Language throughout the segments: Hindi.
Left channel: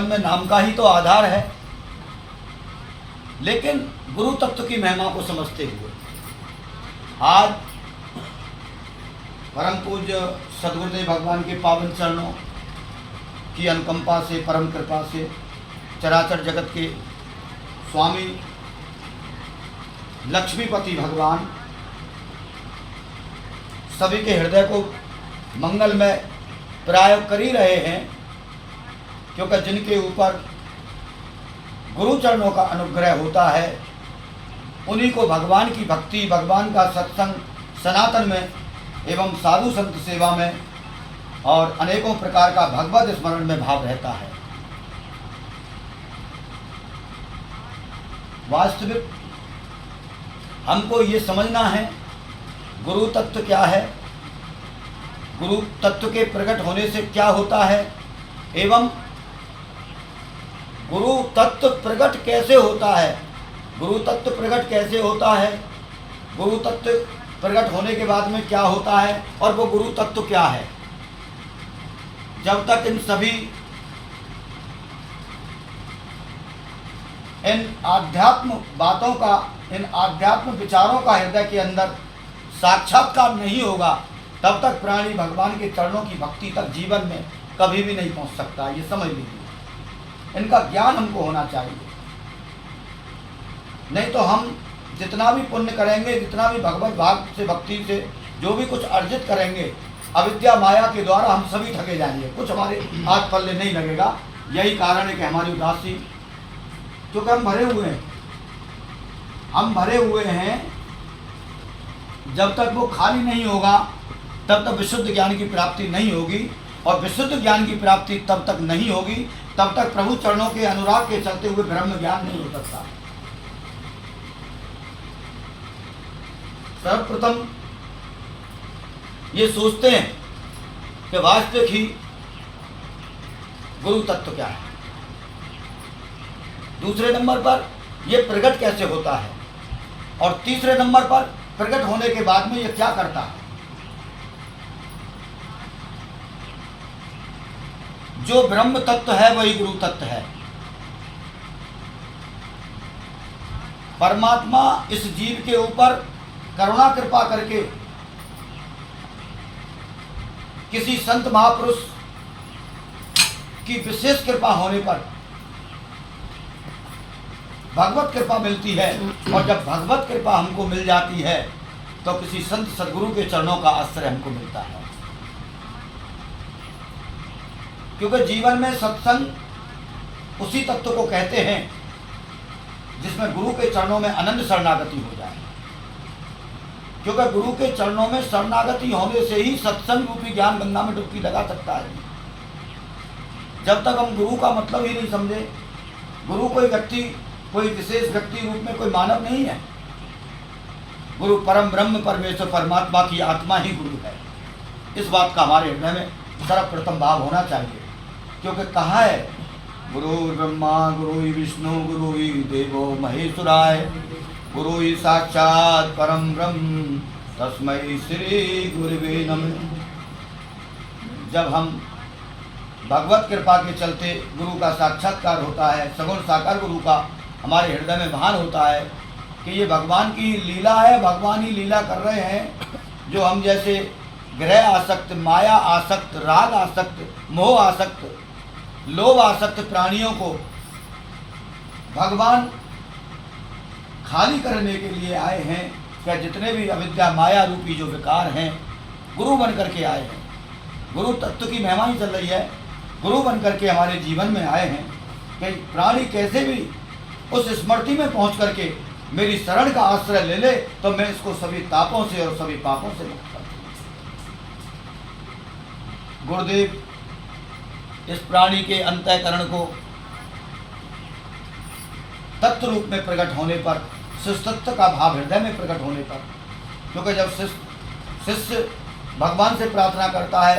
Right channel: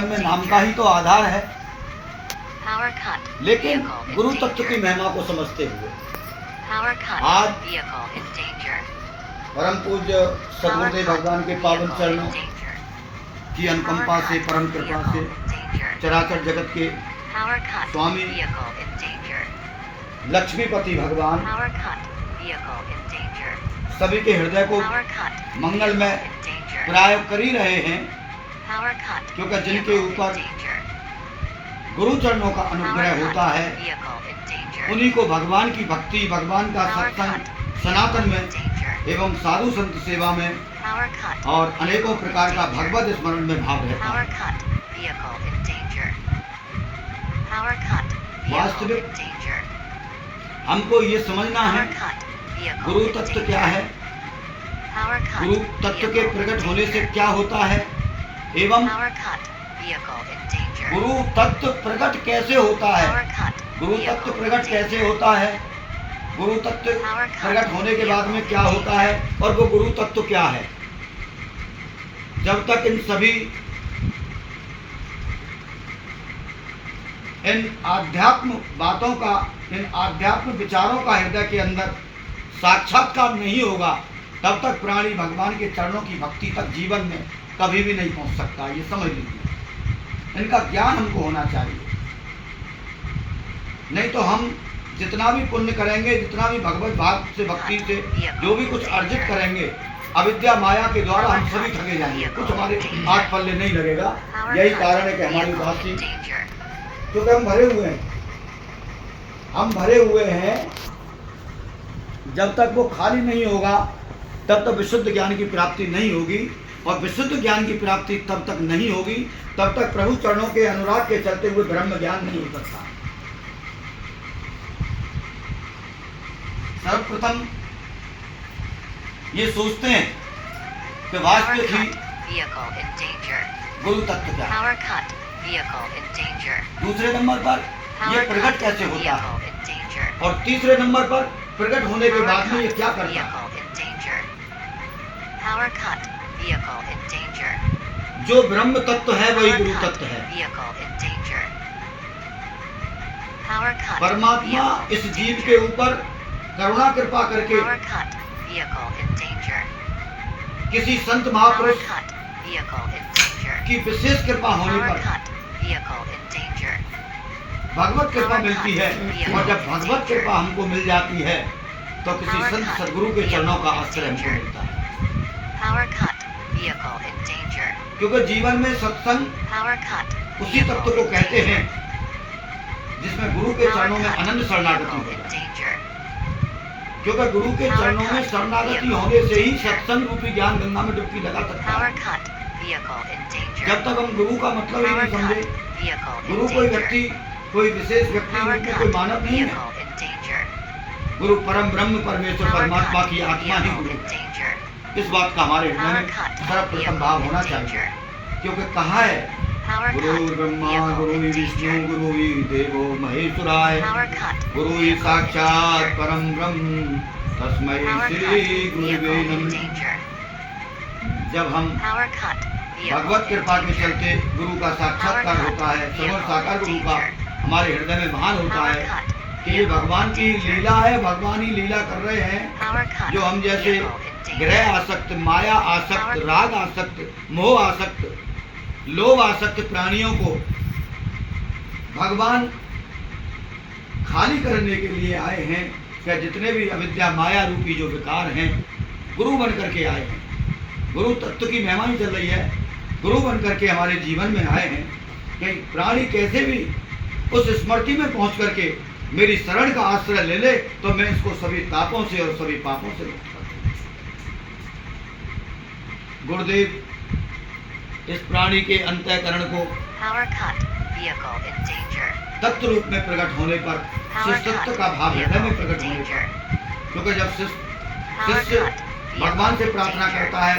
जीवन में नाम का ही तो आधार है, लेकिन गुरु तत्व की महिमा को समझते हुए आज परम पूज्य सद्गुरुदेव भगवान के पावन चरणों की अनुकंपा से, परम कृपा से चराचर जगत के स्वामी लक्ष्मीपति भगवान सभी के हृदय को मंगलमय प्राय कर ही रहे हैं, क्योंकि जिनके ऊपर गुरु चरणों का अनुग्रह होता है उन्हीं को भगवान की भक्ति, भगवान का सत्संग सनातन में एवं साधु संत सेवा में और अनेकों प्रकार का भगवत स्मरण में भाव रहता है। वास्तविक हमको ये समझना है गुरु तत्व क्या है, गुरु तत्व के प्रकट होने से क्या होता है एवं गुरु तत्व प्रकट कैसे होता है, गुरु तत्व प्रकट कैसे होता है, गुरु तत्व प्रकट होने के बाद में क्या होता है और वो गुरु तत्व क्या है। जब तक इन सभी इन आध्यात्म बातों का, इन आध्यात्म विचारों का हृदय के अंदर साक्षात्कार नहीं होगा, तब तक प्राणी भगवान के चरणों की भक्ति तक जीवन में कभी भी नहीं पहुंच सकता। ये समझ लीजिए, इनका ज्ञान हमको होना चाहिए। नहीं तो हम जितना भी पुण्य करेंगे, जितना भी भगवत भाव से, भक्ति से जो भी कुछ अर्जित करेंगे, अविद्या माया के द्वारा हम सभी ठगे जाएंगे, कुछ हमारे हाथ पल्ले नहीं लगेगा। यही कारण है कि हमारी उदासी, क्योंकि हम भरे हुए हैं, जब तक वो खाली नहीं होगा तब तक विशुद्ध ज्ञान की प्राप्ति नहीं होगी, और विशुद्ध ज्ञान की प्राप्ति तब तक नहीं होगी तब तक प्रभु चरणों के अनुराग के चलते हुए ब्रह्म ज्ञान नहीं हो सकता। सर्वप्रथम ये सोचते हैं कि वास्तविक ही गुरु तत्व क्या है, दूसरे नंबर पर ये प्रकट कैसे होता है, और तीसरे नंबर पर प्रकट होने के बाद में ये क्या करता है। जो ब्रह्म तत्व है वही गुरु तत्व है। परमात्मा इस जीव के ऊपर करुणा कृपा करके किसी संत महापुरुष की विशेष कृपा होने पर भगवत कृपा मिलती है, और जब भगवत कृपा हमको मिल जाती है तो किसी संत सदगुरु के चरणों का आश्रय हमको मिलता है। क्योंकि जीवन में सत्संग उसी तत्व को कहते हैं जिसमें गुरु के चरणों में अनंत शरणागति हो जाए। क्योंकि गुरु के चरणों में शरणागति होने से ही सत्संग रूपी ज्ञान गंगा में डुबकी लगा सकता है। जब तक हम गुरु का मतलब ही नहीं समझे, गुरु कोई व्यक्ति, कोई विशेष व्यक्ति रूप में कोई मानव नहीं है। गुरु परम ब्रह्म परमेश्वर परमात्मा की आत्मा ही गुरु है। इस बात का हमारे हृदय में सर्वप्रथम भाव होना चाहिए। क्योंकि कहा है, गुरु ब्रह्मा गुरु विष्णु गुरु देवो महेश्वराय, गुरु साक्षात परम ब्रह्म तस्मै श्री गुरुवे नमः। जब हम भगवत कृपा के चलते गुरु का साक्षात्कार होता है, सगुण साकार गुरु का हमारे हृदय में भान होता है कि ये भगवान की लीला है, भगवान ही लीला कर रहे हैं। जो हम जैसे ग्रह आसक्त, माया आसक्त, राग आसक्त, मोह आसक्त, लोभ आसक्त प्राणियों को भगवान खाली करने के लिए आए हैं। क्या जितने भी अविद्या माया रूपी जो विकार हैं, गुरु बन करके आए हैं। गुरु तत्व की महिमा ही चल रही है, गुरु बन करके हमारे जीवन में आए हैं कि प्राणी कैसे भी उस स्मृति में पहुंच करके मेरी शरण का आश्रय ले ले तो मैं इसको सभी तापों से और सभी पापों से मुक्त कर दूं। गुरुदेव इस प्राणी के अंतःकरण को तत्व रूप में प्रकट होने पर, शिष्यत्व का भाव हृदय में प्रकट होने पर, क्योंकि जब शिष्य भगवान से प्रार्थना करता है,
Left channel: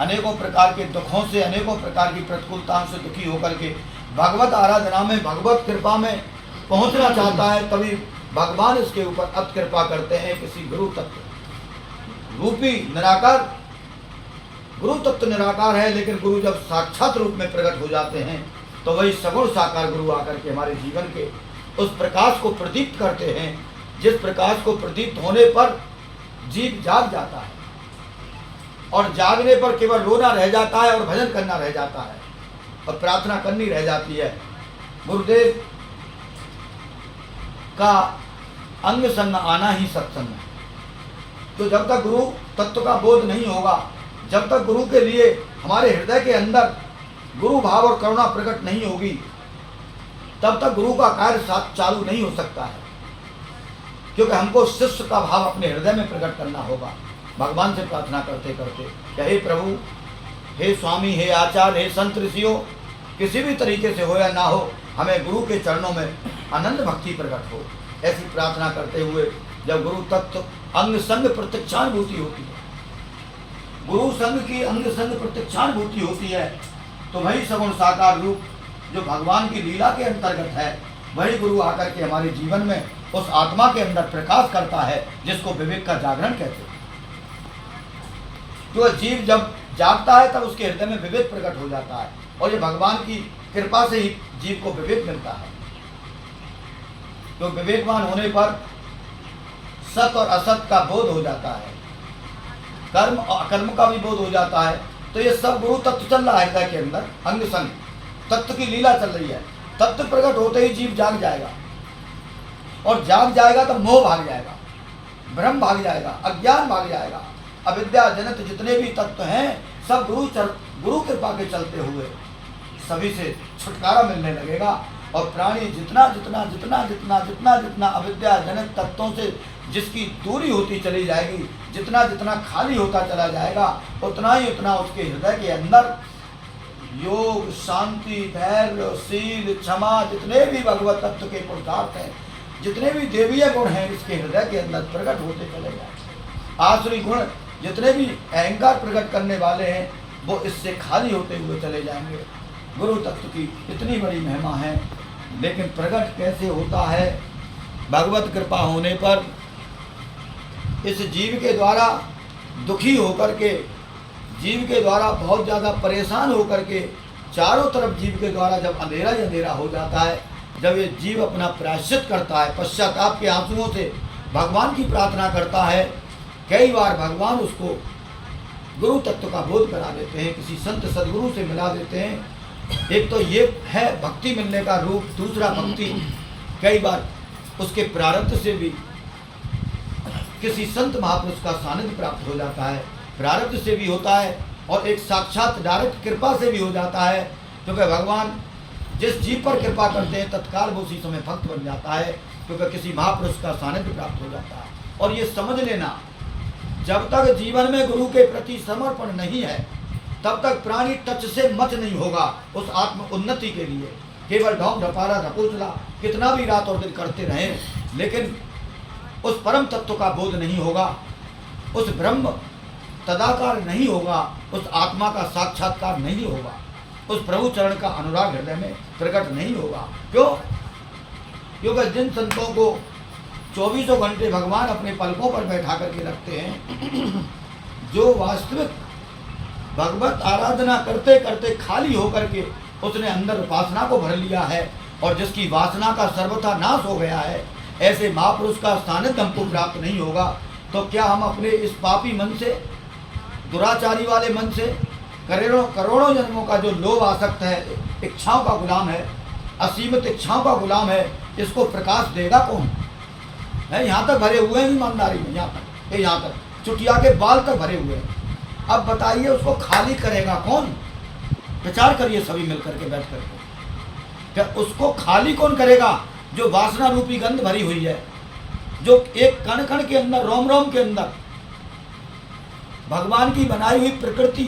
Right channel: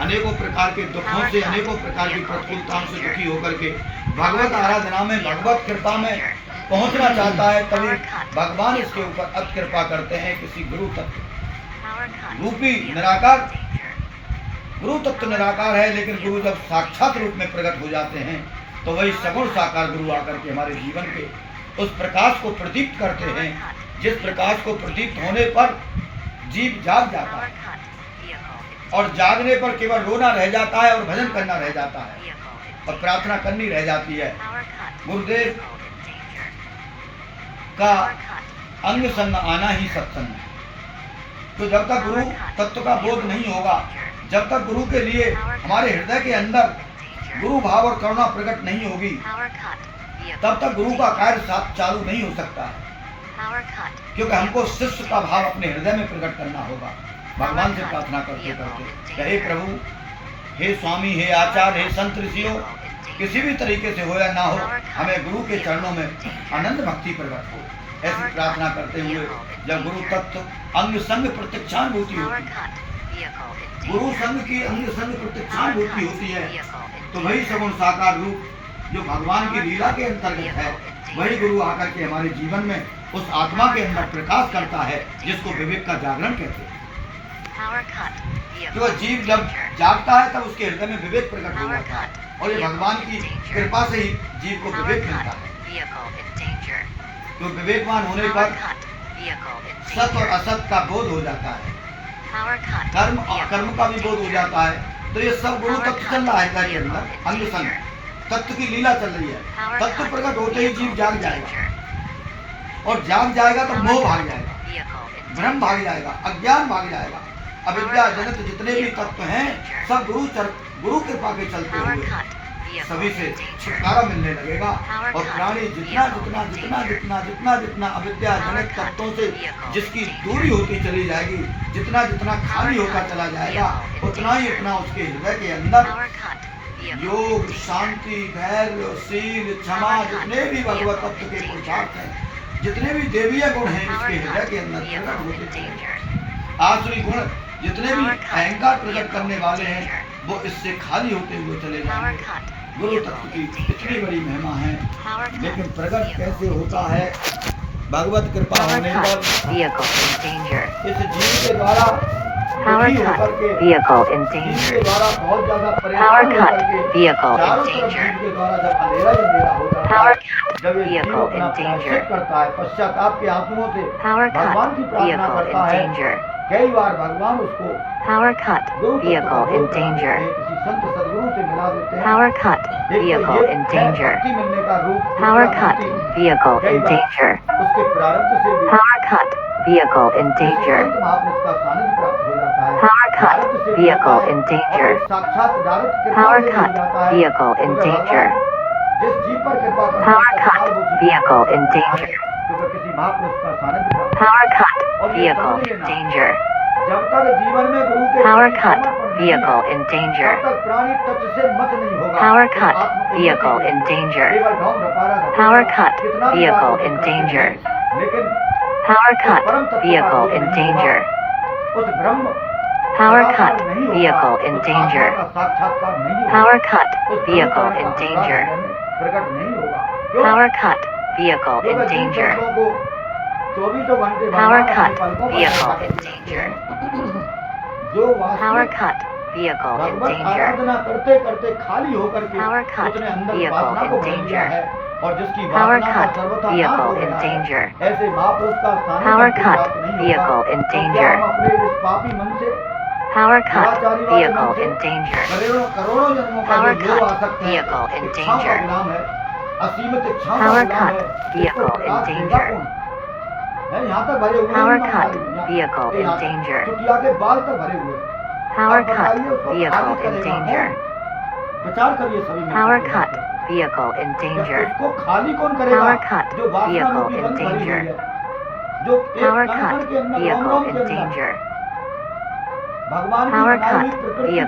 अनेकों प्रकार के दुखों से, अनेकों प्रकार की प्रतिकूलताओं से दुखी होकर के भगवत आराधना में, भगवत कृपा में पहुंचना चाहता है, तभी भगवान इसके ऊपर अत कृपा करते हैं। किसी गुरु तत्व रूपी निराकार, गुरु तत्व निराकार है, लेकिन गुरु जब साक्षात रूप में प्रकट हो जाते हैं तो वही सगुण साकार गुरु आकर के हमारे जीवन के उस प्रकाश को प्रदीप्त करते हैं, जिस प्रकाश को प्रदीप्त होने पर जीव जाग जाता है और जागने पर केवल रोना रह जाता है और भजन करना रह जाता है और प्रार्थना करनी रह जाती है। गुरुदेव का अंग संग आना ही सत्संग है। तो जब तक गुरु तत्व का बोध नहीं होगा, जब तक गुरु के लिए हमारे हृदय के अंदर गुरु भाव और करुणा प्रकट नहीं होगी, तब तक गुरु का कार्य चालू नहीं हो सकता है, क्योंकि हमको शिष्य का भाव अपने हृदय में प्रकट करना होगा। भगवान से प्रार्थना करते करते, हे प्रभु, हे स्वामी, हे आचार्य, हे संत ऋषियों, किसी भी तरीके से हो या ना हो, हमें गुरु के चरणों में आनंद भक्ति प्रकट हो। ऐसी प्रार्थना करते हुए जब गुरु तत्व अंग संग प्रत्यक्षानुभूति होती है, गुरु संग की अंग संग प्रत्यक्षानुभूति होती है, तो वही सगुण साकार रूप जो भगवान की लीला के अंतर्गत है, वही गुरु आकर के हमारे जीवन में उस आत्मा के अंदर प्रकाश करता है, जिसको विवेक का जागरण कहते हैं। जो जीव जब जागता है तब उसके हृदय में विवेक प्रकट हो जाता है, और ये भगवान की कृपा से ही जीव को विवेक मिलता है। तो विवेकवान होने पर सत और असत का बोध हो जाता है, कर्म और अकर्म का भी बोध हो जाता है। तो ये सब गुरु तत्व चल रहा है हृदय के अंदर, अंग संग तत्व की लीला चल रही है। तत्व प्रकट होते ही जीव जाग जाएगा, और जाग जाएगा तो मोह भाग जाएगा, भ्रम भाग जाएगा, अज्ञान भाग जाएगा। अविद्या जनित जितने भी तत्व हैं, सब गुरु कृपा के चलते हुए सभी से छुटकारा मिलने लगेगा, और प्राणी जितना जितना जितना जितना जितना जितना अविद्या जनित तत्वों से जिसकी दूरी होती चली जाएगी, जितना जितना खाली होता चला जाएगा, उतना ही उतना उसके हृदय के अंदर योग, शांति, धैर्य, शील, क्षमा, जितने भी भगवत तत्व के पुरुषार्थ हैं, जितने भी देवीय गुण हैं, इसके हृदय के अंदर प्रकट होते चले जाएंगे। आसुरी गुण जितने भी अहंकार प्रकट करने वाले हैं, वो इससे खाली होते हुए चले जाएंगे। गुरु तत्व की इतनी बड़ी महिमा है, लेकिन प्रकट कैसे होता है? भगवत कृपा होने पर इस जीव के द्वारा दुखी होकर के, जीव के द्वारा बहुत ज्यादा परेशान होकर के, चारों तरफ जीव के द्वारा जब अंधेरा ही अंधेरा हो जाता है, जब ये जीव अपना प्रायश्चित करता है, पश्चाताप के आंसुओं से भगवान की प्रार्थना करता है, कई बार भगवान उसको गुरु तत्व का बोध करा देते हैं, किसी संत सदगुरु से मिला देते हैं। एक तो ये है भक्ति मिलने का रूप, दूसरा भक्ति कई बार उसके प्रारब्ध से भी किसी संत महापुरुष का सानिध्य प्राप्त हो जाता है, प्रारब्ध से भी होता है, और एक साक्षात दारत कृपा से भी हो जाता है, क्योंकि भगवान जिस जीव पर कृपा करते हैं तत्काल वो उसी है, क्योंकि किसी महापुरुष का सानिध्य प्राप्त होता है। और ये समझ लेना, जब तक जीवन में गुरु के प्रति समर्पण नहीं है, तब तक प्राणी टच से मत नहीं होगा। आत्म उन्नति केवल ढोंग रपारा रखेगा, कितना भी बातों को करते हैं, लेकिन उस परम तत्व का बोध नहीं होगा, उस ब्रह्म साकार नहीं होगा, उस आत्मा का साक्षात्कार नहीं होगा, उस प्रभु चरण का अनुराग हृदय में प्रकट नहीं होगा। क्यों? क्योंकि जिन संतों को 24 घंटे भगवान अपने पलकों पर बैठा करके रखते हैं, जो वास्तविक भगवत आराधना करते करते खाली होकर के उसने अंदर वासना को भर लिया है, और जिसकी वासना का सर्वथा नाश हो गया है, ऐसे महापुरुष का स्थानीय प्राप्त नहीं होगा। तो क्या हम अपने इस पापी मन से, दुराचारी वाले मन से, करोड़ों जन्मों का जो लोभ आसक्त है, इच्छाओं का गुलाम है, असीमित इच्छाओं का गुलाम है, इसको प्रकाश देगा कौन? है यहाँ तक भरे हुए हैं ईमानदारी में, यहाँ तक चुटिया के बाल तक भरे हुए हैं। अब बताइए उसको खाली करेगा कौन? प्रचार करिए सभी मिलकर, उसको खाली कौन करेगा? जो वासना रूपी गंध भरी हुई है, जो एक कण कण के अंदर, रोम रोम के अंदर भगवान की बनाई हुई प्रकृति,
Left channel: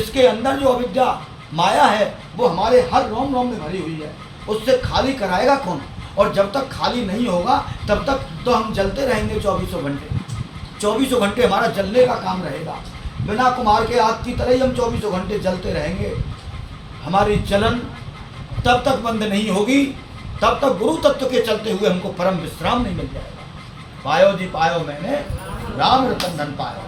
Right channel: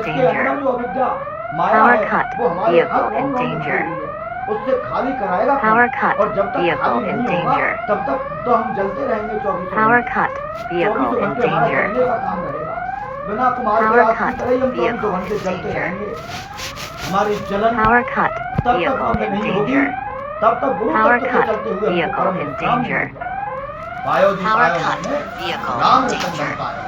इसके अंदर जो अविद्या माया है, वो हमारे हर रोम रोम में भरी हुई है, उससे खाली कराएगा कौन? और जब तक खाली नहीं होगा, तब तक तो हम जलते रहेंगे 24 घंटे हमारा जलने का काम रहेगा। बिना कुमार के आग की तरह ही हम 24 घंटे जलते रहेंगे। हमारी जलन तब तक बंद नहीं होगी, तब तक गुरु तत्व के चलते हुए हमको परम विश्राम नहीं मिलेगा। पायो जी पायो मैंने राम रतन धन पायो,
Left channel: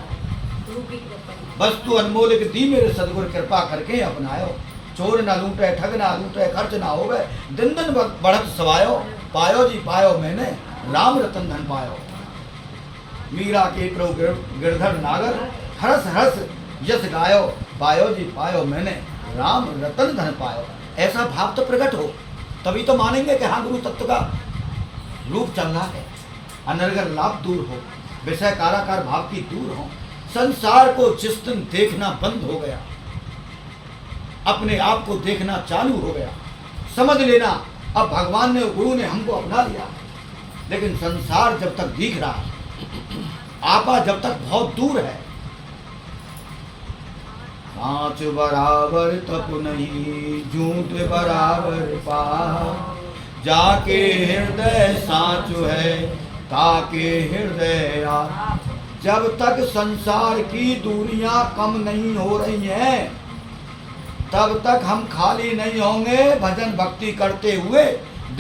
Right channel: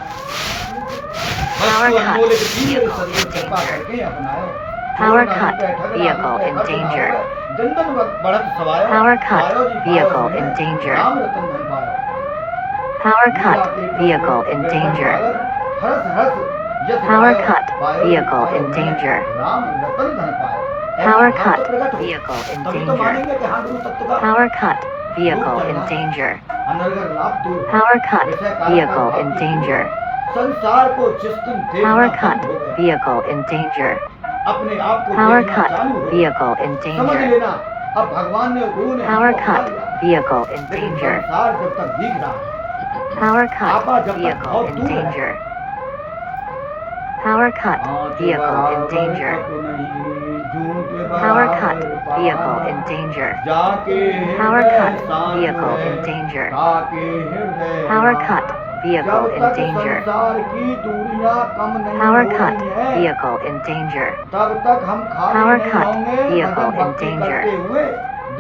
वस्तु अनमोल की मेरे सदगुरु कृपा करके अपनायो। चोर Power ना cut. लूटे, ठग ना Vehicle लूटे, in खर्च ना danger. होवे, दिन दिन बढ़त सवायो, Power cut. पायो जी पायो Vehicle मैंने, in danger. राम रतन धन पायो। Power Meera cut. के Vehicle Prabhu in Girdhar danger. Bharat, हरस हरस यश Power गायो, cut. पायो जी Vehicle पायो in मैंने, danger. राम रतन धन पायो। Power ऐसा भाव तो cut. प्रकट हो, Vehicle in तभी तो danger. मानेंगे कि हाँ गुरु तत्व का Power cut. रूप Vehicle चल in रहा है। danger. अनर्गल लाभ दूर हो, Power cut. विषय काला का Vehicle भाव in की दूर danger. हो। संसार को जिस दिन देखना Power बंद cut. हो गया, Vehicle in danger. अपने आप को Power देखना cut. चालू हो गया, Vehicle in समझ danger. लेना अब भगवान ने गुरु ने Power हमको बुला cut. लिया। Vehicle in लेकिन danger. संसार जब तक दिख रहा है, Power cut. आपा जब तक Vehicle बहुत in दूर है, danger. Power cut. आँच Vehicle in बराबर danger. कप नहीं, झूठ Power cut. बराबर Vehicle in पार, danger. जाके Power हृदय cut. शांत Vehicle है, in danger. ताके हृदय Power राम। cut. Vehicle जब in तक danger. संसार की दूरियां कम नहीं Power हो cut. रही हैं, Vehicle in danger. तब तक हम खाली Power नहीं cut. होंगे। Vehicle भजन in भक्ति danger. करते हुए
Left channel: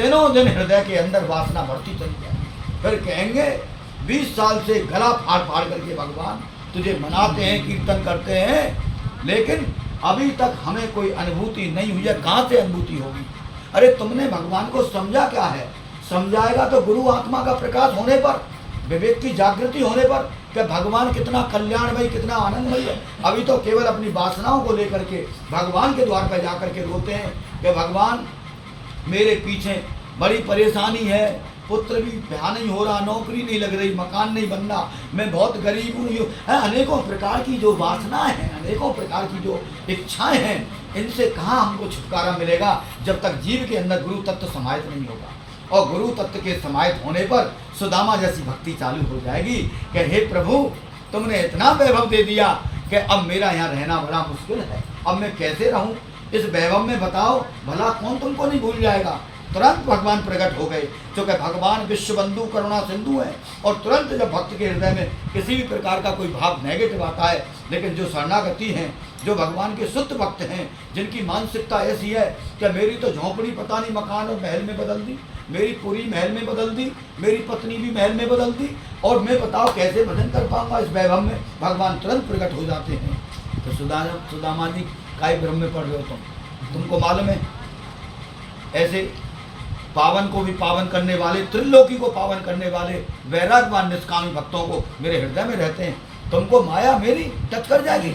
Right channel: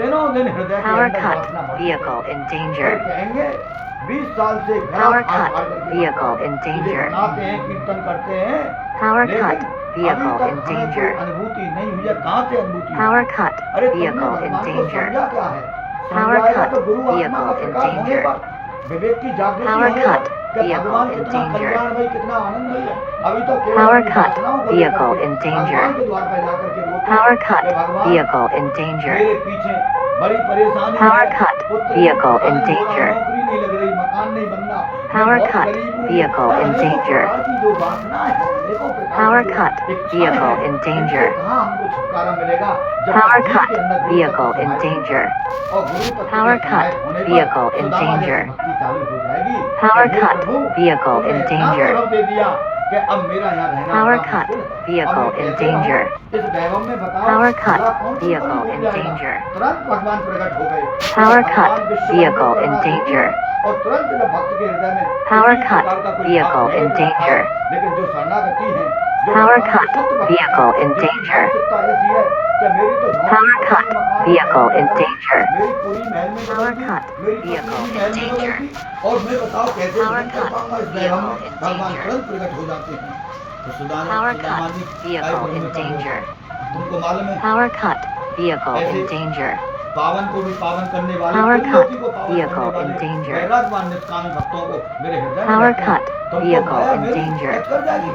दिनों दिन हृदय के Power अंदर cut. वासना बढ़ती Vehicle जाएगी। in फिर danger. कहेंगे 20 साल से गला Power फाड़ cut. फाड़ करके Vehicle भगवान in तुझे danger. मनाते हैं, कीर्तन करते हैं, Power लेकिन cut. अभी Vehicle तक in हमें कोई danger. अनुभूति नहीं हुई है। कहाँ से अनुभूति Power हुई? cut. अरे Vehicle तुमने in भगवान को danger. समझा क्या है? Power समझाएगा cut. तो गुरु आत्मा का Vehicle in प्रकाश होने danger. पर, विवेक की जागृति Power होने cut. पर कि Vehicle भगवान in कितना danger. कल्याण भाई, कितना आनंद भाई है। अभी तो केवल Power अपनी cut. वासनाओं को लेकर Vehicle के in danger. भगवान के द्वार पर जाकर के रोते Power हैं cut. कि भगवान Vehicle in danger. मेरे पीछे बड़ी परेशानी Power है, cut. पुत्र Vehicle का in नहीं हो रहा, danger. नौकरी नहीं लग रही, मकान नहीं बनना, मैं Power बहुत cut. गरीब हूँ। Vehicle in अनेकों danger. प्रकार की जो वासना है, अनेकों प्रकार Power की cut. जो इच्छाएं Vehicle हैं, in इनसे danger. कहाँ हमको छुटकारा मिलेगा जब Power तक जीव cut. के अंदर गुरु तत्व Vehicle in समाहित नहीं danger. होगा। और गुरु तत्व के Power cut. समाहित होने Vehicle पर in सुदामा जैसी danger. भक्ति चालू हो जाएगी Power कि हे cut. प्रभु, Vehicle तुमने in इतना danger. वैभव दे दिया कि अब मेरा यहाँ रहना Power बड़ा cut. मुश्किल है। अब Vehicle मैं in कैसे रहूँ? danger. इस वैभव में बताओ, Power cut. भला कौन तुमको नहीं Vehicle भूल in जाएगा? danger. तुरंत भगवान प्रकट हो गए। Power क्योंकि cut. भगवान विश्वबंधु Vehicle in करना सिद्धि danger. है। और तुरंत जब भक्त के हृदय में Power किसी cut. प्रकार का कोई भाव Vehicle नहीं in रहता है, danger. लेकिन जो शरणागति है, जो Power भगवान के cut. शुद्ध भक्त Vehicle हैं, in जिनकी danger. मानसिकता ऐसी है कि मेरी तो झोंपड़ी Power पता cut. नहीं मकान में Vehicle महल में in बदल दी, danger. मेरी पूरी महल में बदल दी, Power cut. मेरी पत्नी Vehicle भी in महल में बदल danger. दी, और मैं बताओ कैसे Power भजन कर cut. पाऊंगा इस वैभव में? Vehicle in भगवान danger. तुरंत प्रकट हो जाते हैं। तो Power Sudama cut. Ji Vehicle I Brahma in में पड़ danger. गए। तुमको मालूम है, Power cut. Vehicle ऐसे in danger. पावन को भी पावन करने वाले, Power त्रिलोकी को cut. पावन Vehicle करने in वाले danger. वैरागवान निष्कामी भक्तों को मेरे हृदय में Power रहते हैं। cut. तुमको Vehicle माया in मेरी danger. टच कर जाएगी।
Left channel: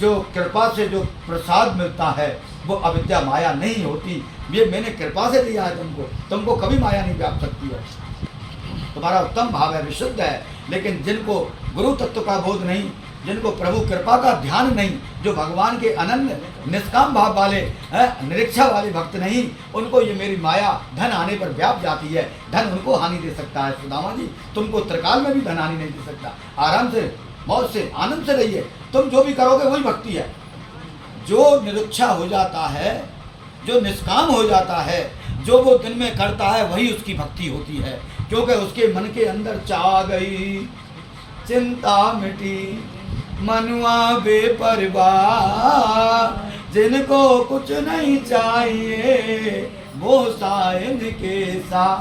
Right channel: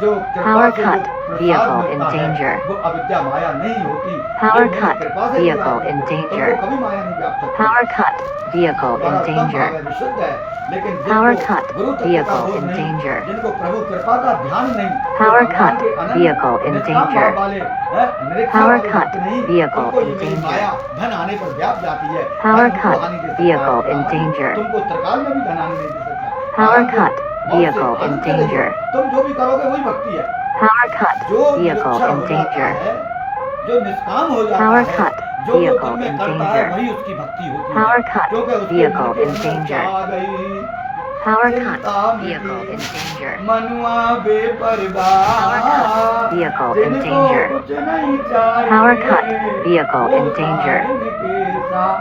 जो कृपा Power से जो cut. प्रसाद Vehicle मिलता in है, danger. वो अविद्या माया नहीं होती। Power ये मेरी cut. कृपा से दिया Vehicle है in तुमको। danger. तुमको कभी माया नहीं व्याप सकती। Power cut. Vehicle हमारा in उत्तम भाव danger. है, विशुद्ध है, लेकिन Power जिनको cut. गुरु तत्व का Vehicle बोध in नहीं, danger. जिनको प्रभु कृपा का ध्यान नहीं, जो Power भगवान cut. के अनन्य Vehicle in निष्काम danger. भाव वाले हैं, निरीक्षा Power वाले cut. भक्त नहीं, Vehicle उनको ये in मेरी danger. माया धन आने पर व्याप जाती है। Power धन उनको cut. हानि दे सकता है। Vehicle in Rama ji, danger. तुमको त्रिकाल में भी धन हानि नहीं दे सकता। Power आनंद से, cut. मौत से, Vehicle in आनंद से रहिए। danger. तुम जो भी करोगे वही भक्ति है। Power cut. जो Vehicle निरीक्षा in हो जाता danger. है, जो निष्काम हो जाता Power है, cut. जो वो Vehicle दिन में in करता है, danger. वही उसकी भक्ति होती Power है। cut. क्योंकि उसके मन Vehicle के in अंदर danger. छा गई Power cut. चिंता Vehicle in मिटी, danger. मनुआ बेपरवाह, Vehicle in जिनको danger. कुछ नहीं Power cut. चाहिए, Vehicle वो in danger. साइन के साथ।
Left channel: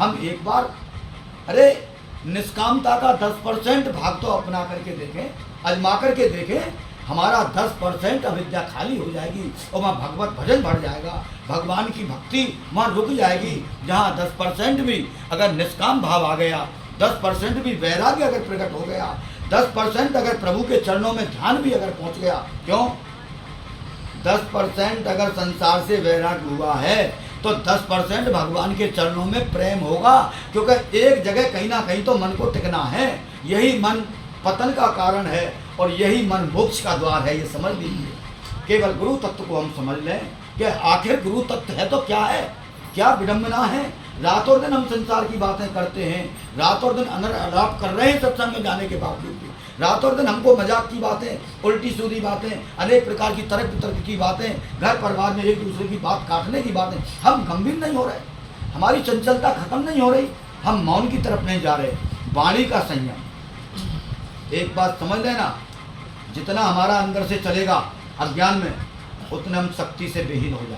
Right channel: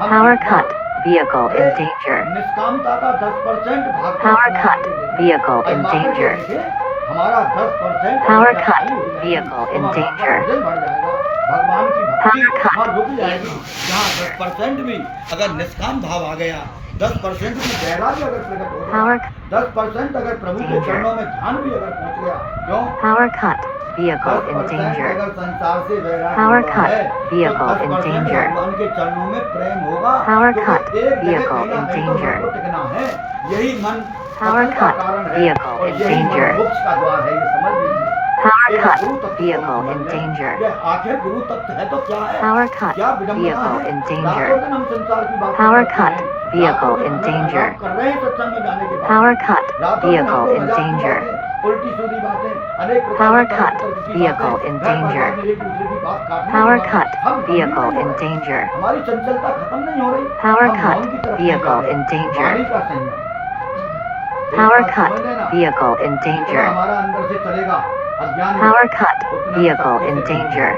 हम Power एक बार cut. Vehicle अरे in danger. निष्कामता का 10% भाग तो Power अपना cut. करके देखें, Vehicle in आजमा करके danger. देखें, हमारा 10% Power अविद्या cut. खाली हो जाएगी, Vehicle तो in वहाँ danger. भजन बढ़ जाएगा, भगवान की भक्ति Power cut. वहाँ रुक जाएगी। जहाँ 10% भी अगर निष्काम भाव आ गया, 10% भी वैराग्य अगर प्रकट हो गया, Power 10% अगर प्रभु के चरणों में ध्यान भी अगर पहुँच गया, क्यों? Power cut. Vehicle in 10% danger. अगर संसार से वैराग्य Power हुआ cut. है, तो Vehicle in 10% danger. भगवान के चरणों में प्रेम होगा। Power क्योंकि cut. एक जगह Vehicle कहीं ना in कहीं तो मन danger. को टिकना है। यही मन Power पतन का cut. कारण है, Vehicle और in यही मन danger. मोक्ष का द्वार है। ये समझ लीजिए। Power केवल cut. गुरु तत्व को हम Vehicle समझ in लें danger. कि आखिर गुरु तत्व है तो क्या है, Power cut. क्या विडंबना Vehicle है। in danger. रातों दिन हम संसार की बातें Power करते cut. हैं, Vehicle रातों दिन in अनर्थ danger. आलाप कर रहे हैं सत्संग में जाने के Power बाद, cut. रातों दिन Vehicle हमको in मजाक की danger. बातें, उल्टी सीधी बातें, अनेक प्रकार Power की तरह cut. तरह की Vehicle बातें, in घर परिवार danger. में एक दूसरे की बात काटने Power की cut. बात, हम गंभीर Vehicle नहीं हो in रहे, danger. हमारी चंचलता खत्म नहीं हो रही, Power हम cut. मौन की तरफ नहीं जा Vehicle in रहे। danger. वाणी का संयम, एक Power बात cut. समझ लेना, Vehicle in जितना danger. हमारा अंदर से चलेगा अज्ञान में, Power cut. उतना हम Vehicle शक्ति in से danger.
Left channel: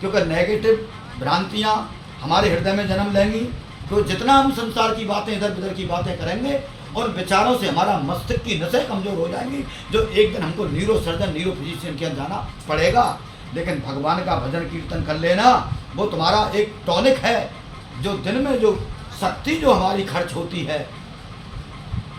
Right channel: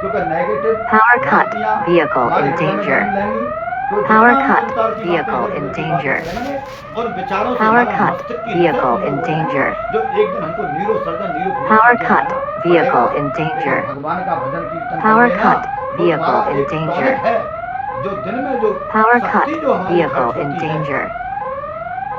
क्योंकि नेगेटिव Power cut. भ्रांतियां Vehicle हमारे in हृदय में danger. जन्म लेंगी, तो जितना Power हम cut. संसार की बातें Vehicle इधर in उधर की बातें danger. करेंगे उन विचारों से Power हमारा cut. मस्तिष्क की नसें Vehicle कमजोर in हो जाएंगी, danger. जो एक दिन हमको neuro surgeon neuro Power physician के cut. जाना Vehicle पड़ेगा। in लेकिन danger. भगवान का भजन कीर्तन कर Power लेना cut. वो तुम्हारा Vehicle in एक danger. टॉनिक है, जो दिन में जो Power cut. शक्ति जो हमारी Vehicle खर्च in होती है danger.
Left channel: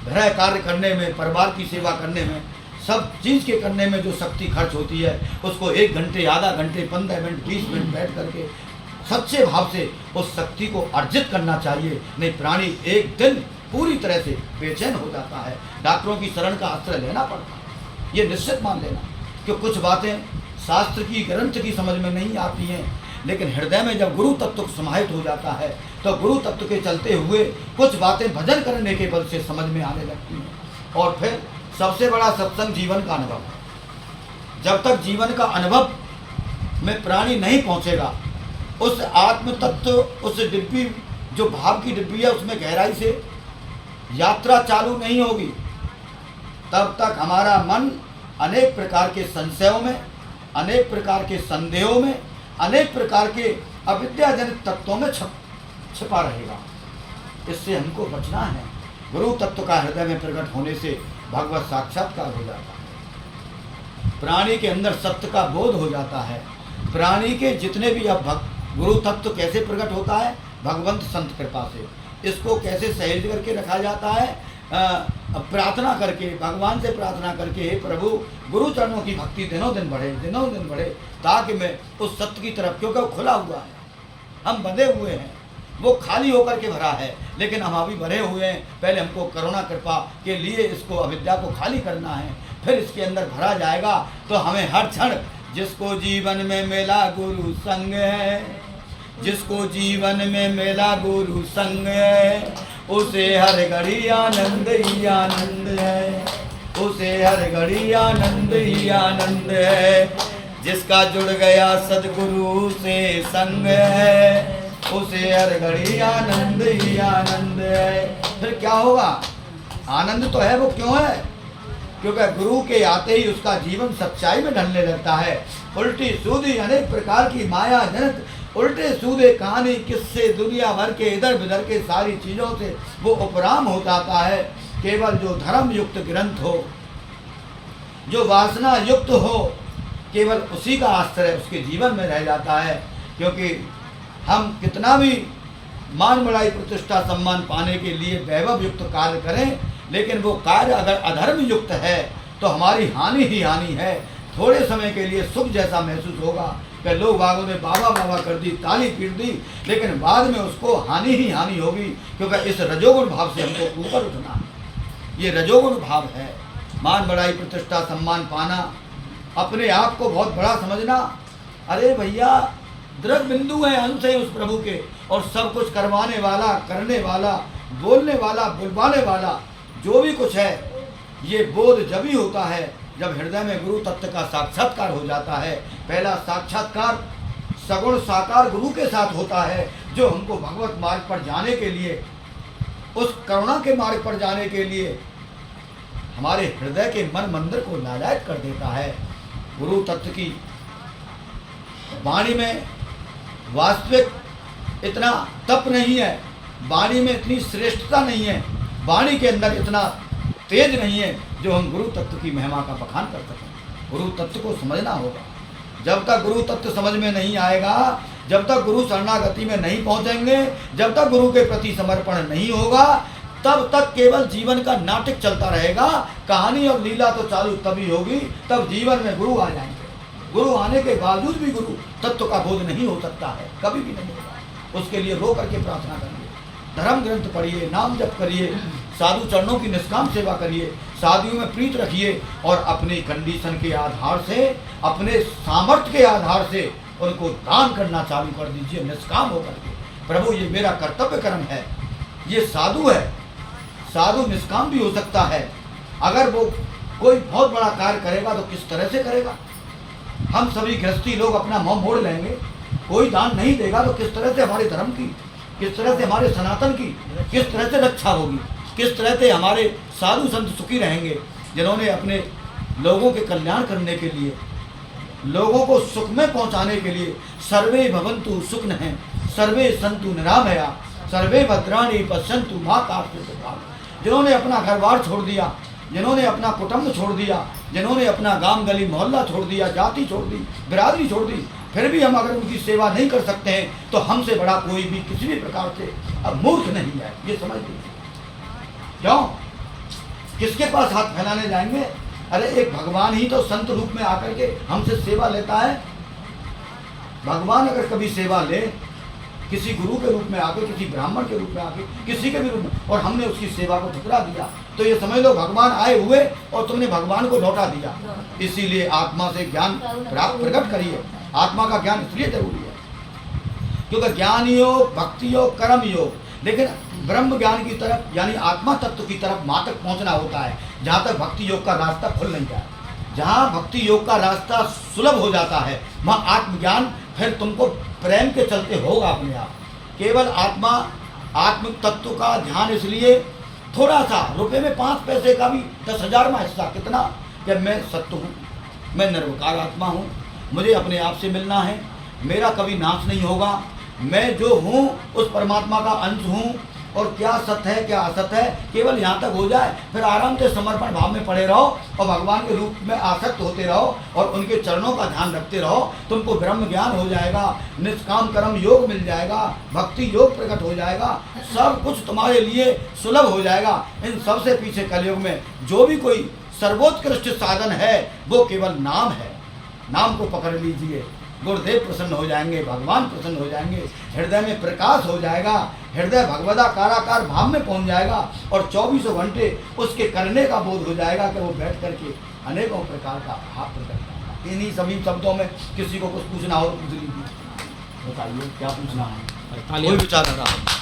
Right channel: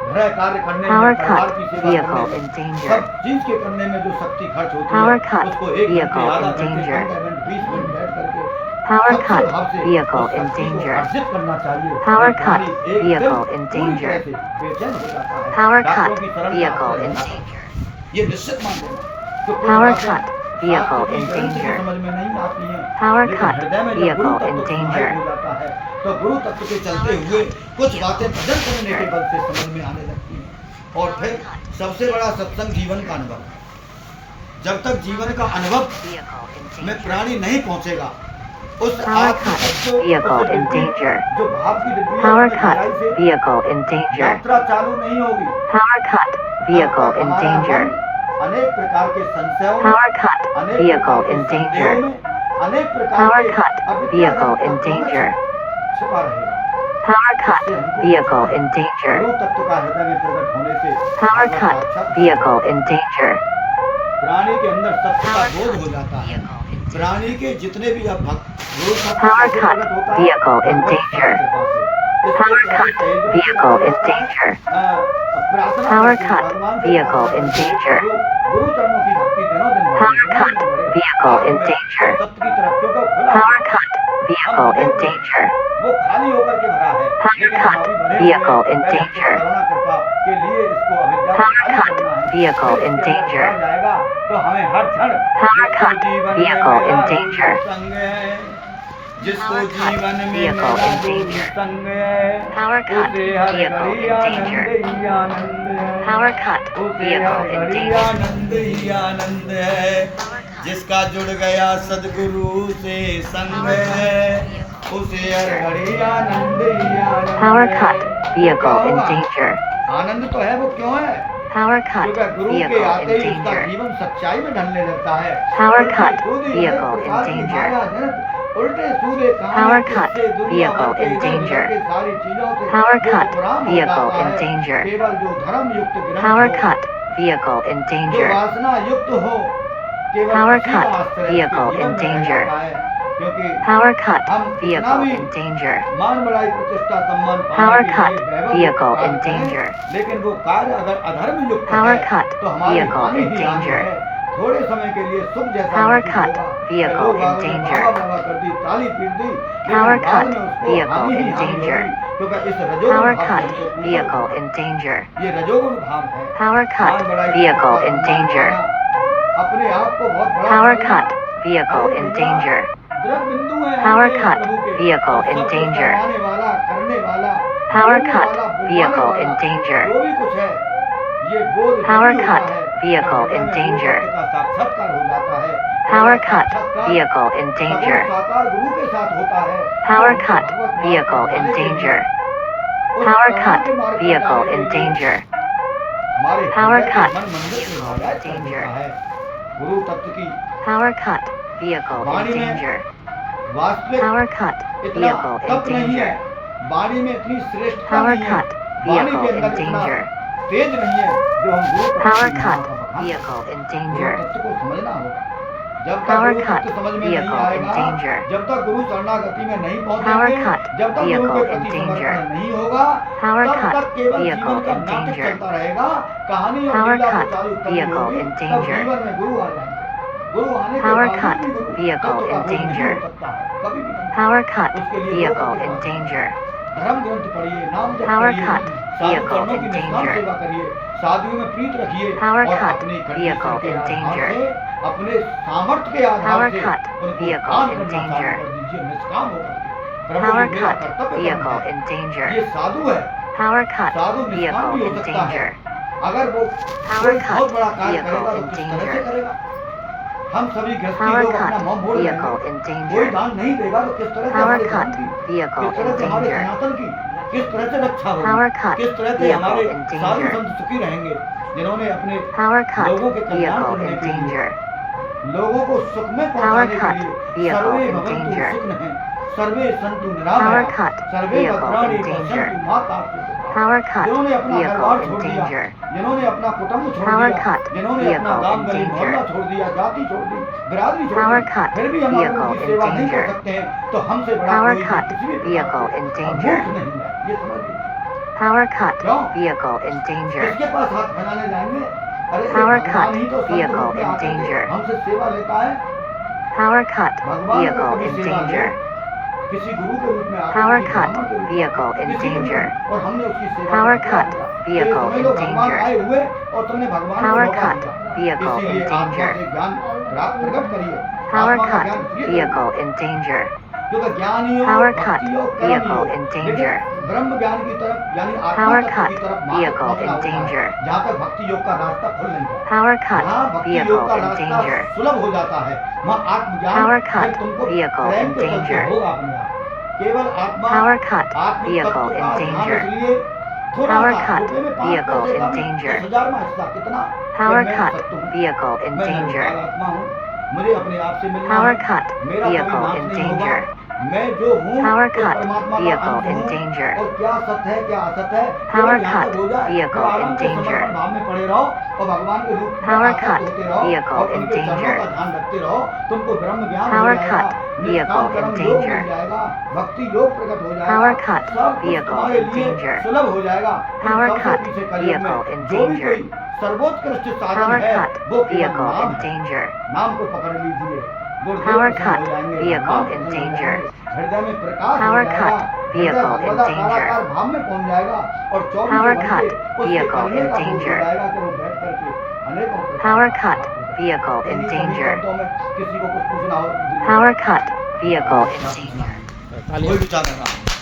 गृह कार्य करने Power में, परिवार cut. की सेवा Vehicle करने में, in danger. सब चीज के करने में जो शक्ति खर्च होती Power है cut. उसको 1 घंटे, Vehicle आधा in घंटे, danger. 15 मिनट, 20 मिनट बैठ करके Power सच्चे cut. भाव से Vehicle उस in शक्ति को danger. अर्जित करना चाहिए। Power नहीं प्राणी cut. एक दिन Vehicle in पूरी danger. तरह से बेचैन हो जाता है। Power डॉक्टरों cut. की शरण का Vehicle आश्रय in लेना danger. पड़ता है। ये निश्चित मान लेना कि कुछ Power बातें cut. शास्त्र Vehicle की in ग्रंथ की danger. समझ में नहीं आती Power हैं, लेकिन cut. हृदय में जब गुरु Vehicle तत्व in समाहित danger. हो जाता है तो गुरु तत्व के चलते हुए कुछ बातें भजन करने के बल से समझ में आने लगती हैं। और फिर सबसे बड़ा सत्संग जीवन का अनुभव है। जब तक जीवन का अनुभव में प्राणी नहीं पहुंचेगा, उस आत्म तत्व, उस डिब्बी जो भाव की डिब्बी है Power उसमें cut. गहराई से Vehicle in danger. यात्रा चालू नहीं होगी। Power cut. तब Vehicle तक in हमारा मन danger. अनेक प्रकार के संशयों में, Power cut. अनेक प्रकार Vehicle के in संदेहों danger. में, अनेक प्रकार Power के cut. अविद्याजनक Vehicle in तत्वों में danger. छिपा रहेगा। Power cut. इससे हमको Vehicle बचना in है। danger. गुरु तत्व का हृदय में प्रकट होने से Power भगवत cut. साक्षात्कार Vehicle in danger. प्राणी के अंदर सत्य का बोध हो जाता है। प्राणी के जितने भी अब भक्त गुरु सत्य Power कैसे cut. प्रकट होता है? Vehicle in Bhagavad Sant danger. कृपा से। इसको Power कैसे cut. सहेज के रखा Vehicle in जाता है? danger. प्रार्थना Power करके, cut. भगवान से Vehicle प्रार्थना in करके danger. गुरु चरणों की भक्ति दिनों दिन बढ़े, Power दिनों दिन cut. बढ़े। Vehicle आगे in में danger. उस सत्य की तरफ, क्योंकि वो खुला Power हुआ है। cut. हम Vehicle भरे in हुए हैं, danger. वो खाली होकर के भरा है, लेकिन हम अभी भरे हुए हैं। Vehicle in पहले हमको danger. करुणा कृपा के लिए इसको अविद्या को खाली करना है, Vehicle फिर in इसके अंदर danger. भरा जाएगा तो हमें हर क्षण जिसको cut. जीवन में Vehicle मेरा in गुरु danger. संग है, जिसको cut. जीवन में Vehicle मेरा in गुरु danger. संग है, cut. उसे हर Vehicle घड़ी in Anand danger. He Anand Power है, cut. उसे Vehicle हर in घड़ी danger. आनंद ही आनंद है। जिसका जुड़ गया सदगुरु से संग है, उसे हर घड़ी आनंद ही आनंद Power है। cut. तो क्या Vehicle in होगा? danger. आनंद तो है, वो क्यों है? Power cut. क्योंकि गुरु के Vehicle आते in ही उसका danger. जीवन सच्चाई में ढलने लगता है। Power उल्टी cut. सूदी अनेक Vehicle प्रकार in की danger. माया जनक उल्टे सूदे कहानी Power cut. किससे दुनिया भर के Vehicle in इधर उधर danger. के सारी चीजों से Power वो cut. उपराम हो Vehicle जाता in है। danger. केवल जो धर्म युक्त ग्रंथ Power हो, cut. Vehicle in जो danger. वासना युक्त हो, केवल Power उसी का cut. आश्रय उसके Vehicle जीवन in में रह danger. जाता है। क्योंकि Power cut. हम कितना Vehicle भी in danger. मान बढ़ाई प्रतिष्ठा सम्मान Power पाने के cut. लिए वैभव युक्त Vehicle कार्य in करें, danger. लेकिन वो कार्य अगर अधर्म युक्त Power है cut. तो हमारी Vehicle हानि in ही हानि danger. है। थोड़े समय के लिए सुख जैसा Power महसूस cut. होगा कि Vehicle लोग in बाबा ने danger. बाबा बाबा कर दी, ताली पीट दी, Power लेकिन बाद cut. में उसको Vehicle हानि ही in हानि danger. होगी, क्योंकि इस रजोगुण Power भाव से cut. हमको पूजा Vehicle होगा। in danger. ये रजोगुण भाव है। Power मान cut. बढ़ाई Vehicle प्रतिष्ठा in सम्मान danger. पाना, अपने आप को बहुत बड़ा Power समझना। cut. Vehicle अरे in भैया, danger. द्रव बिंदु है Power हमसे cut. प्रभु के, Vehicle और in सब कुछ danger. करवाने वाला, करने वाला, Power बोलने cut. वाला, बुलवाने Vehicle वाला, in danger. जो भी कुछ है, ये बोध Power जब भी होता cut. है Vehicle जब हृदय in में गुरु danger. तत्व का साक्षात्कार हो जाता है। Power पहला cut. साक्षात्कार Vehicle in सगुण danger. साकार गुरु के साथ होता है, जो Power हमको cut. भगवत मार्ग Vehicle पर in जाने के लिए, danger. उस Power करुणा cut. के मार्ग पर Vehicle जाने के in लिए danger. हमारे Power हृदय के cut. मन मंदिर को हिदायत कर देता है। गुरु तत्व की Power cut. Vehicle Vani in में danger. वास्तविक Power cut. इतना Vehicle in तप नहीं danger. है, वाणी में इतनी श्रेष्ठता Power नहीं है, cut. वाणी के Vehicle अंदर in इतना danger. तेज नहीं है जो हम गुरु तत्व Power की महिमा cut. का बखान करें। Vehicle in Guru danger. तत्व को समझना होगा। जब तक Power गुरु cut. तत्व समझ में नहीं Vehicle in आएगा, danger. जब तक गुरु शरणागति में नहीं पहुंचेंगे, Power cut. जब तक गुरु के Vehicle in प्रति danger. समर्पण नहीं होगा, Power तब cut. तक केवल Vehicle जीवन का in नाटक danger. चलता रहेगा। कहानी और Power लीला तो cut. चालू तभी Vehicle होगी in तब danger. जीवन में गुरु आ जाएंगे। गुरु आने के Power बावजूद cut. भी गुरु Vehicle तत्व का in बोध नहीं danger. हो सकता है, कभी भी नहीं। Power cut. उसके लिए रो Vehicle करके in प्रार्थना danger. करिए, धर्म ग्रंथ पढ़िए, नाम जप Power करिए, cut. साधु Vehicle चरणों की in निष्काम danger. सेवा करिए, साधुओं में प्रीत रखिए, Power और cut. अपनी कंडीशन Vehicle के in आधार danger. से, अपने सामर्थ्य के आधार Power से cut. उनको Vehicle काम in करना चालू danger. कर दीजिए, निष्काम होकर के। प्रभु Power ये मेरा cut. कर्तव्य कर्म Vehicle है। in danger. ये साधु है, Power cut. साधु निष्काम भी Vehicle हो in सकता है। danger. अगर वो Power कोई cut. बहुत बड़ा कार्य Vehicle करेगा तो in किस तरह से danger. करेगा? हम सभी गृहस्थी Power लोग cut. अपना मुंह मोड़ लेंगे, Vehicle in danger. कोई दान नहीं देगा तो किस तरह से Power हमारे cut. धर्म की, Vehicle किस तरह से in हमारे danger. सनातन की, किस तरह से रक्षा Power होगी, cut. किस तरह से Vehicle हमारे in danger. साधु संत सुखी रहेंगे, जिन्होंने अपने Power cut. लोगों के कल्याण Vehicle करने in के लिए danger. लोगों को सुख में पहुंचाने के Power लिए cut. सर्वे Vehicle भवन्तु danger. सुखिनः सर्वे सन्तु निरामया Power cut. सर्वे Vehicle भद्राणि danger. पश्यन्तु मा कश्चित् Power cut. जिन्होंने अपना Vehicle घर-बार छोड़ दिया, danger. जिन्होंने अपना कुटुंब छोड़ Power दिया, cut. जिन्होंने अपना Vehicle गांव गली danger. मोहल्ला छोड़ दिया, जाति छोड़ दी, बिरादरी छोड़ Power दी, cut. फिर भी हम अगर Vehicle उनकी सेवा नहीं कर danger. सकते हैं तो हमसे बड़ा Power कोई भी cut. किसी भी प्रकार Vehicle से danger. मूर्ख नहीं है, ये समझ लीजिए। Power cut. क्यों? Vehicle in danger. किसके पास हाथ फैलाने जाएंगे? अरे एक Power भगवान cut. ही तो संत Vehicle रूप में आकर के danger. हमसे सेवा लेता है। Power cut. भगवान अगर Vehicle कभी in सेवा ले danger. किसी गुरु के रूप में आकर, Power किसी cut. ब्राह्मण के रूप में Vehicle आकर, in किसी के भी danger. और हमने उसकी सेवा Power में ठुकरा cut. दिया, तो ये Vehicle समझ लो in भगवान danger. आए हुए और तुमने भगवान को Power लौटा cut. दिया। Vehicle इसीलिए in आत्मा danger. से ज्ञान प्राप्त प्रकट करिए। Power आत्मा का ज्ञान cut. इसलिए करिए Vehicle in danger. क्योंकि ज्ञान योग, Power cut. भक्ति योग, कर्म Vehicle योग, in danger. लेकिन ब्रह्म ज्ञान की तरफ यानी आत्मा Power तत्व की cut. तरफ मात्र Vehicle पहुंचना in होता है, danger. जहाँ तक भक्ति योग का रास्ता खुल नहीं जाता। Power cut. जहाँ भक्ति Vehicle योग का in रास्ता danger. सुलभ हो जाता है, वहाँ आत्मज्ञान Power cut. फिर तुमको Vehicle प्रेम in के चलते danger. होगा अपने आप। केवल आत्मा Power cut. आत्म Vehicle तत्व in का ध्यान danger. इसलिए थोड़ा Power सा cut. रुपए में 5 Vehicle पैसे का in भी danger. 10,000वां हिस्सा कितना कि Power मैं cut. सत्य हूँ, Vehicle in मैं danger. निर्विकार आत्मा हूँ, मुझे अपने आप से मिलना Power है, cut. मेरा कभी Vehicle नाश in नहीं होगा, danger. मैं जो हूँ Power उस cut. परमात्मा का Vehicle अंश in हूँ danger. और क्या सत्य है क्या असत्य है Power केवल यहाँ cut. तक हो जाए, Vehicle फिर आराम in से danger. समर्पण भाव में पड़े रहो और भगवान के रूप में Power आसक्त cut. होते रहो Vehicle और in उनके चरणों danger. का ध्यान रखते रहो, तुमको ब्रह्म ज्ञान हो Power जाएगा, cut. निष्काम Vehicle कर्म in योग danger. मिल जाएगा, भक्ति योग प्रकट हो जाएगा, Power cut. सब कुछ Vehicle तुम्हारे in लिए danger. सुलभ हो जाएगा। इन Power सबसे cut. पीछे कलयुग Vehicle में in जो भी danger. कोई सर्वोत्कृष्ट साधन Power है cut. वो केवल Vehicle नाम in है। danger. नाम को पकड़ लीजिए, गुरुदेव Power प्रसन्न cut. हो जाएंगे, Vehicle भगवान in प्रसन्न हो danger. जाएंगे, हृदय में प्रकाश हो Power जाएगा, cut. हृदय Vehicle in भगवदाकाराकार danger. भाव में पहुंच जाएगा और 24 Power घंटे cut. उसके Vehicle करने in का बोध हो danger. जाएगा कि वो बैठ करके अनेकों प्रकार Power का cut. पाप हो जाएगा। Vehicle in इन्हीं सभी danger. शब्दों में किसी को कुछ पूछना हो तो पूछ लीजिए। Power cut. Vehicle in क्या danger. पूछना है? कोई विचार रहा